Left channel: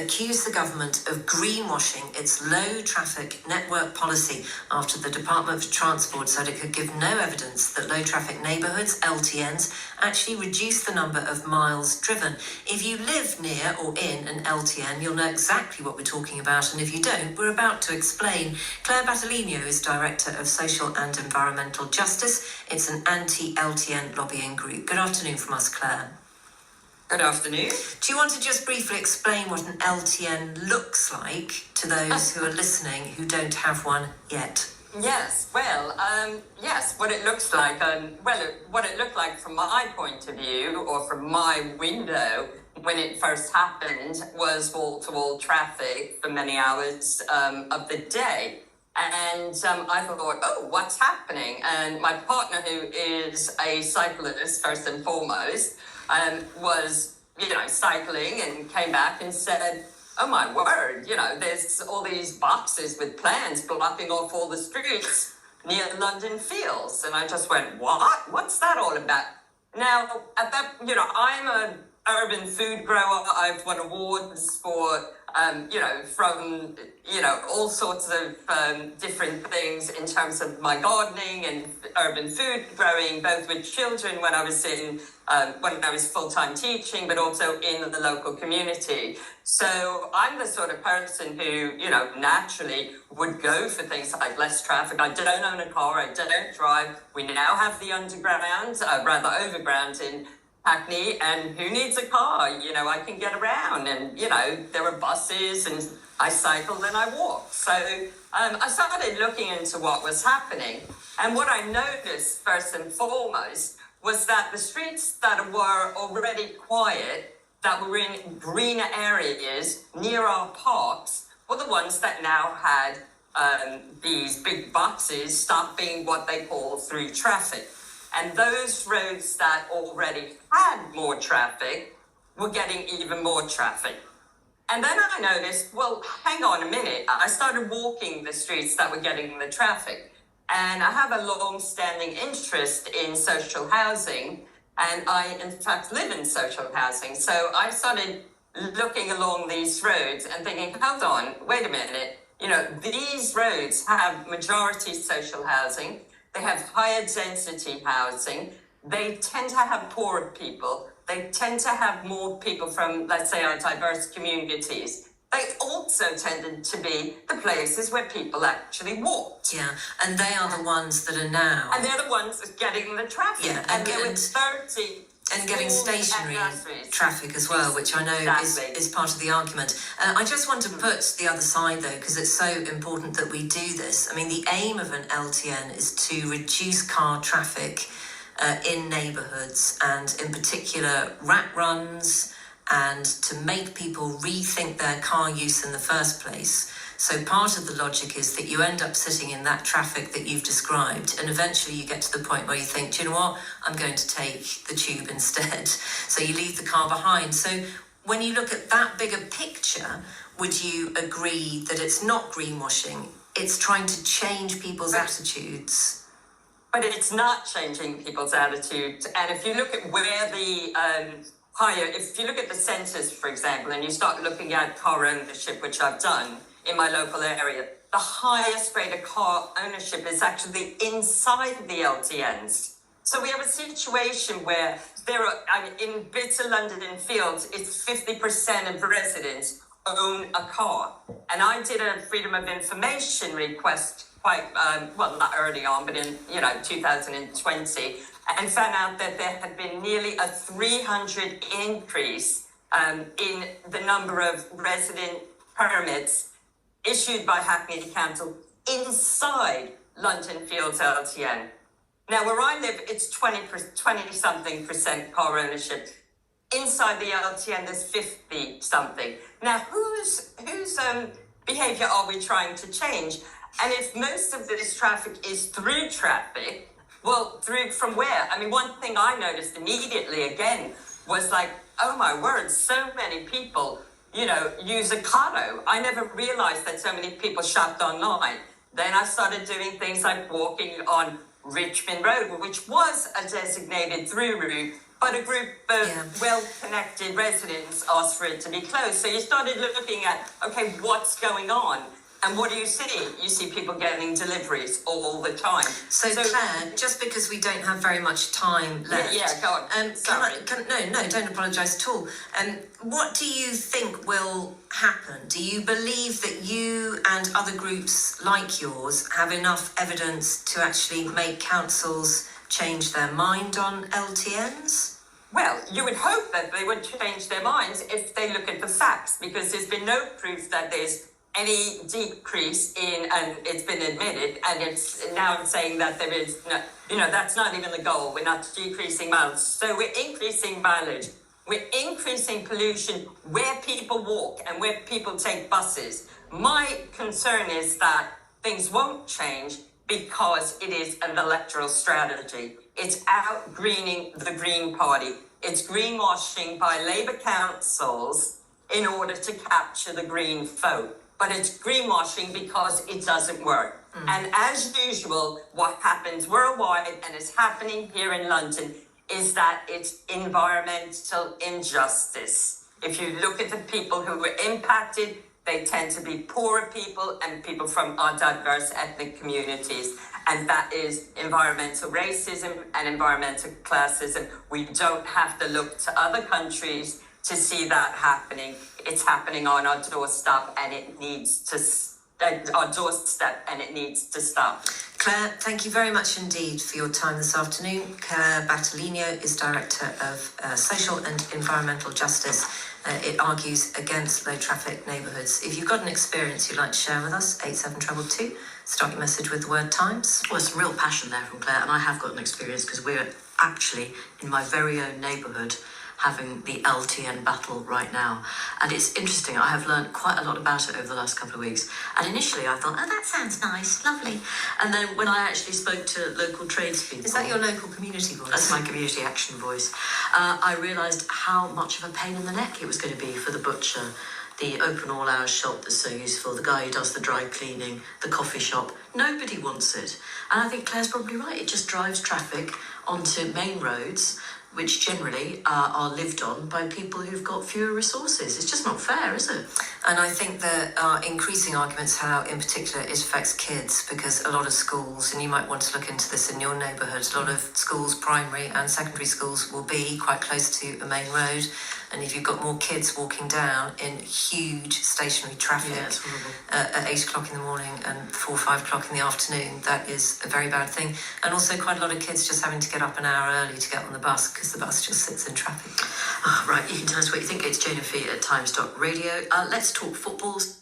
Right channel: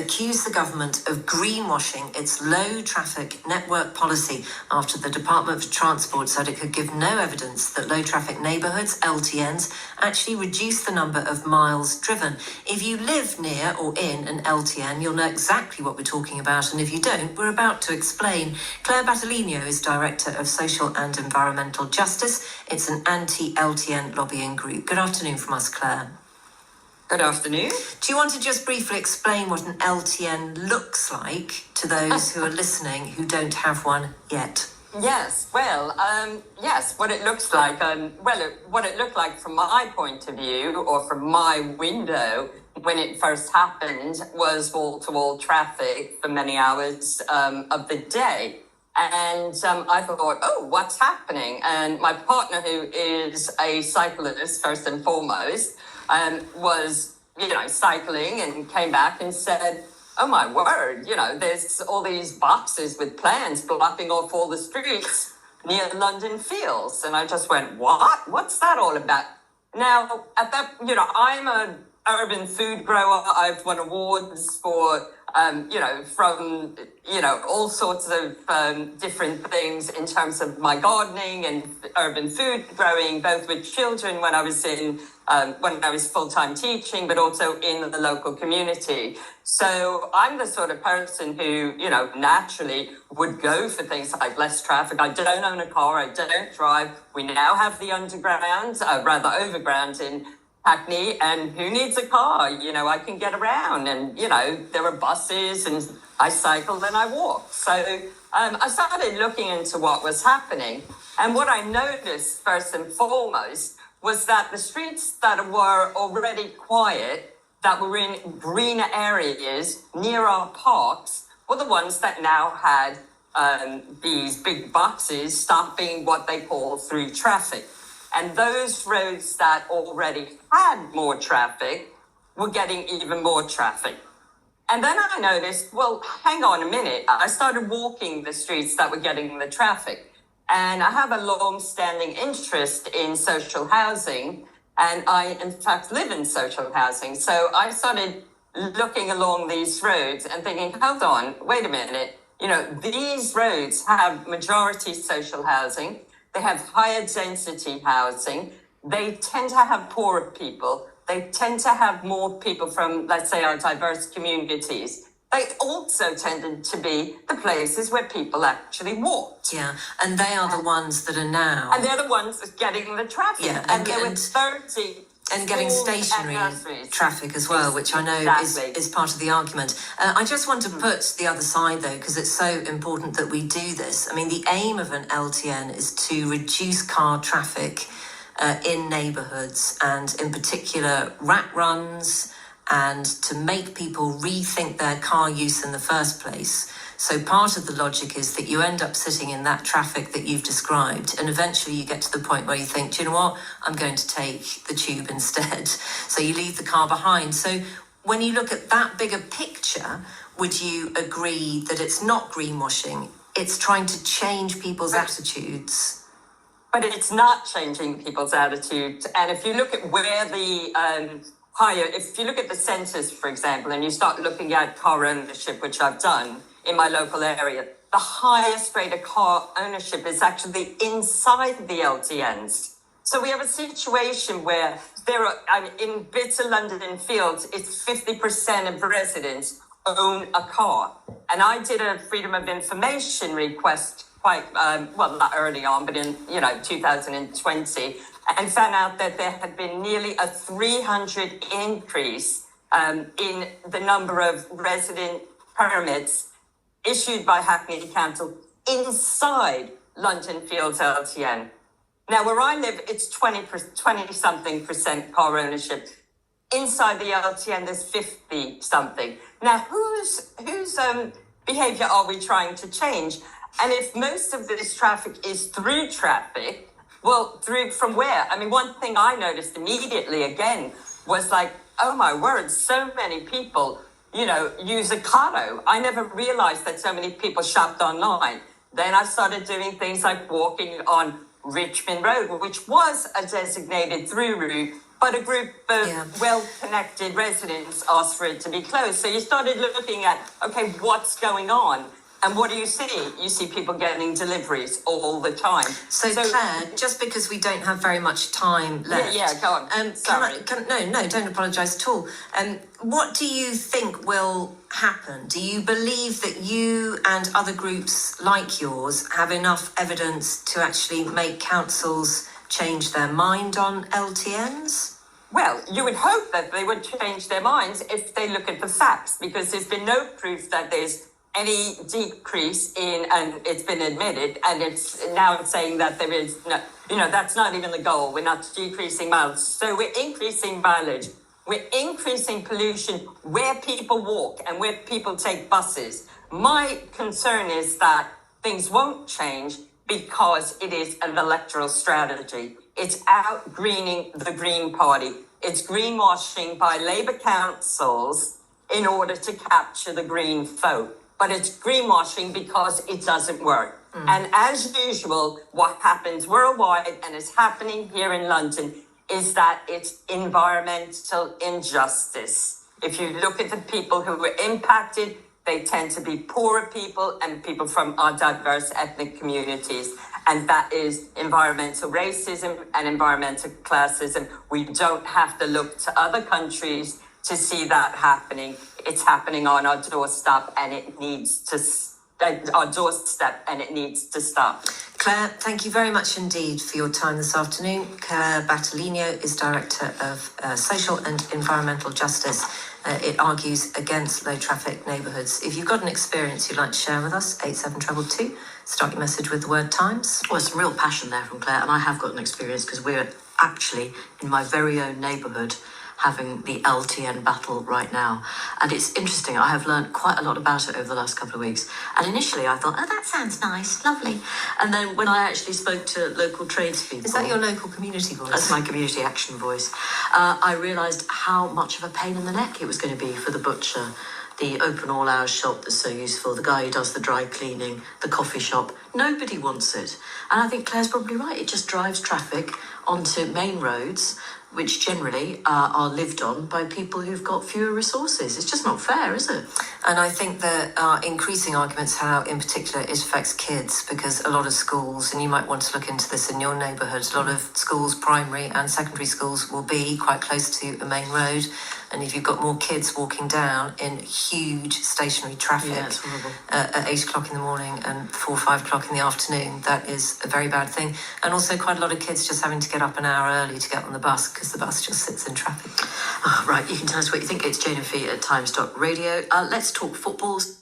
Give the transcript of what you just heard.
accused the government of greenwashing its low-traffic network policy after the Department for Transport said it could give no evidence that low-traffic neighbourhoods, LTNs, actually reduce the number of miles driven. If you live near or in an LTN, you'll know exactly what we're talking about, and if you don't, we're about to explain. Clair Battaglino is Director of Social and Environmental Justice. It's an anti-LTN lobbying group. Good afternoon from us, Claire. Good afternoon. Do you want to just briefly explain what an LTN looks like to those who are listening who don't have one yet? Yes, what it looks like. What it looked like from my point of view, or from my window, when it first happened, was wall-to-wall traffic for many hours of the day. And I thought, oh, what's happening? And my partner, who is a cyclist, first and foremost, was, cycling and came back and said, oh, my word, there's all these boxes with plans blocking off all the streets near London Fields. And I just went, what? What's that all about? Now, at that, I'm an urban food grower. I've won awards for, from, all sorts of different things in terms of my gardening and urban food growing, both with children when I was full-time teaching, but also in the local community. So I'm the sort of person who, naturally would go for things like less traffic. I don't own a car. I don't drive. We now have the underground, overground in Hackney, and who needs a car? I can get around, and, there are buses, and I cycle and I walk. So I started looking into what was happening. And what I noticed, first and foremost, was that the streets that were already quiet, that were in greener areas near our parks, were the ones that now had these big boxes stopping what they call through traffic. And those roads that already had more traffic were getting even more traffic. And then I noticed, well, hang on a minute. I started walking the streets that were getting the traffic. And I have a long-standing interest in social housing. And I, in fact, live in social housing. So I started looking along these roads and thinking, hold on, wait a minute. These roads have majority social housing. They have higher density housing. They tend to have poorer people. They tend to have more people from, let's say, our diverse communities. They also tended to be the places where people actually walked. Yeah, and they are the ones that are now. And they're the ones getting the traffic. Yeah, and there were 30 and getting stationary traffic as well, which I know is part of the argument. I just want to put the other side, though, because it's so important that we do this. I mean, the aim of an LTN is to reduce car traffic in neighbourhoods, and in particular rat runs, and to make people rethink their car use in the first place. So part of the logic is that you end up sitting in that traffic that you've described, and eventually you get to the point where you think, do you know what, I'm going to take the tube instead. So you leave the car behind. So when you look at that bigger picture, would you agree that it's not greenwashing? It's trying to change people's attitudes. But it's not changing people's attitudes. And if you look at where the if you look at the census, for example, and you start looking at car ownership, which I've done in my local area, the highest rate of car ownership is actually inside the LTNs. So we have a situation where there are, in bits of London Fields, it's 50% of residents own a car. And I did a Freedom of Information request quite, not early on, but in, 2020, and found out that there had been nearly a 300 increase in the number of resident permits issued by Hackney Council inside London Fields LTN. Now, where I live, it's 20-something% car ownership. Inside the LTN, there's 50-something. Now, whose behaviour are we trying to change? And if most of this traffic is through traffic, well, through from where? I mean, one thing I noticed immediately again was like, oh my word, so many people, use Ocado. I never realized that so many people shopped online. Then I started doing things like walking on Richmond Road, which was a designated through route but a group of well-connected residents asked for it to be closed. So you started looking at, okay, what's going on? And what do you see? You see people getting deliveries all the time. So Claire, just because we don't have very much time left... Yeah, go on. Sorry. No, don't apologise at all. What do you think will happen? Do you believe that you and other groups like yours have enough evidence to actually make councils change their mind on LTNs? Well, you would hope that they would change their minds if they look at the facts, because there's been no proof that there's any decrease in, and it's been admitted, and it's now saying that there is no, that's not even the goal. We're not decreasing mileage. So we're increasing mileage. We're increasing pollution where people walk and where people take buses. My concern is that things won't change because it is an electoral strategy. It's out-greening the Green Party. It's greenwashing by Labour councils in order to capture the Green vote. But it's greenwashing because it doesn't work. And as usual, what happens worldwide, and is happening here in London, is that it's environmental injustice. If you look at the people who were impacted, they tend to be poorer people and people from our diverse ethnic communities. And that is environmental racism and environmental classism. We don't have to look to other countries to see that happening. It's happening on our doorstep, and it needs to stop. Claire, thank you very much indeed for your time this afternoon. Clair Battaglino is Director of Social and Environmental Justice. It argues against low traffic neighbourhoods. If you've got an experience you'd like to share with us, 87222, start your message with the word Times. Well, some real passion there from Claire, and I have got an experience because we're actually in my very own neighbourhood having the LTN battle right now. And it's interesting, I have learned quite a lot about it over the last couple of weeks. And initially I thought, oh, that sounds nice, lovely. And then when I actually spoke to local tradespeople... Is that your local community voice? That's my community action voice. I realised how much of a pain in the neck it was going to be for the butcher, the open all-hours shop that's so useful, the guy who does the dry cleaning, the coffee shop. Nobody wants it. And I think Claire's probably right. It just drives traffic onto main roads, which generally are lived on by people who've got fewer resources. It's just not fair, is it? And I think there are increasing arguments how, in particular, it affects kids, because a lot of schools, and you might want to look into this in your neighbourhood, a lot of schools, primary and secondary schools, will be quite close to a main road. And if you've got more kids walking down in huge stationary traffic at 8 o'clock in the morning and 4 or 5 o'clock in the afternoon, that is a very bad thing. And also quite a lot of kids just having to get up an hour early to get on the bus because the bus just sits in traffic. Oh, right, you can tell us what you think. It's Jane and Fee at Times Radio. Let's talk footballs.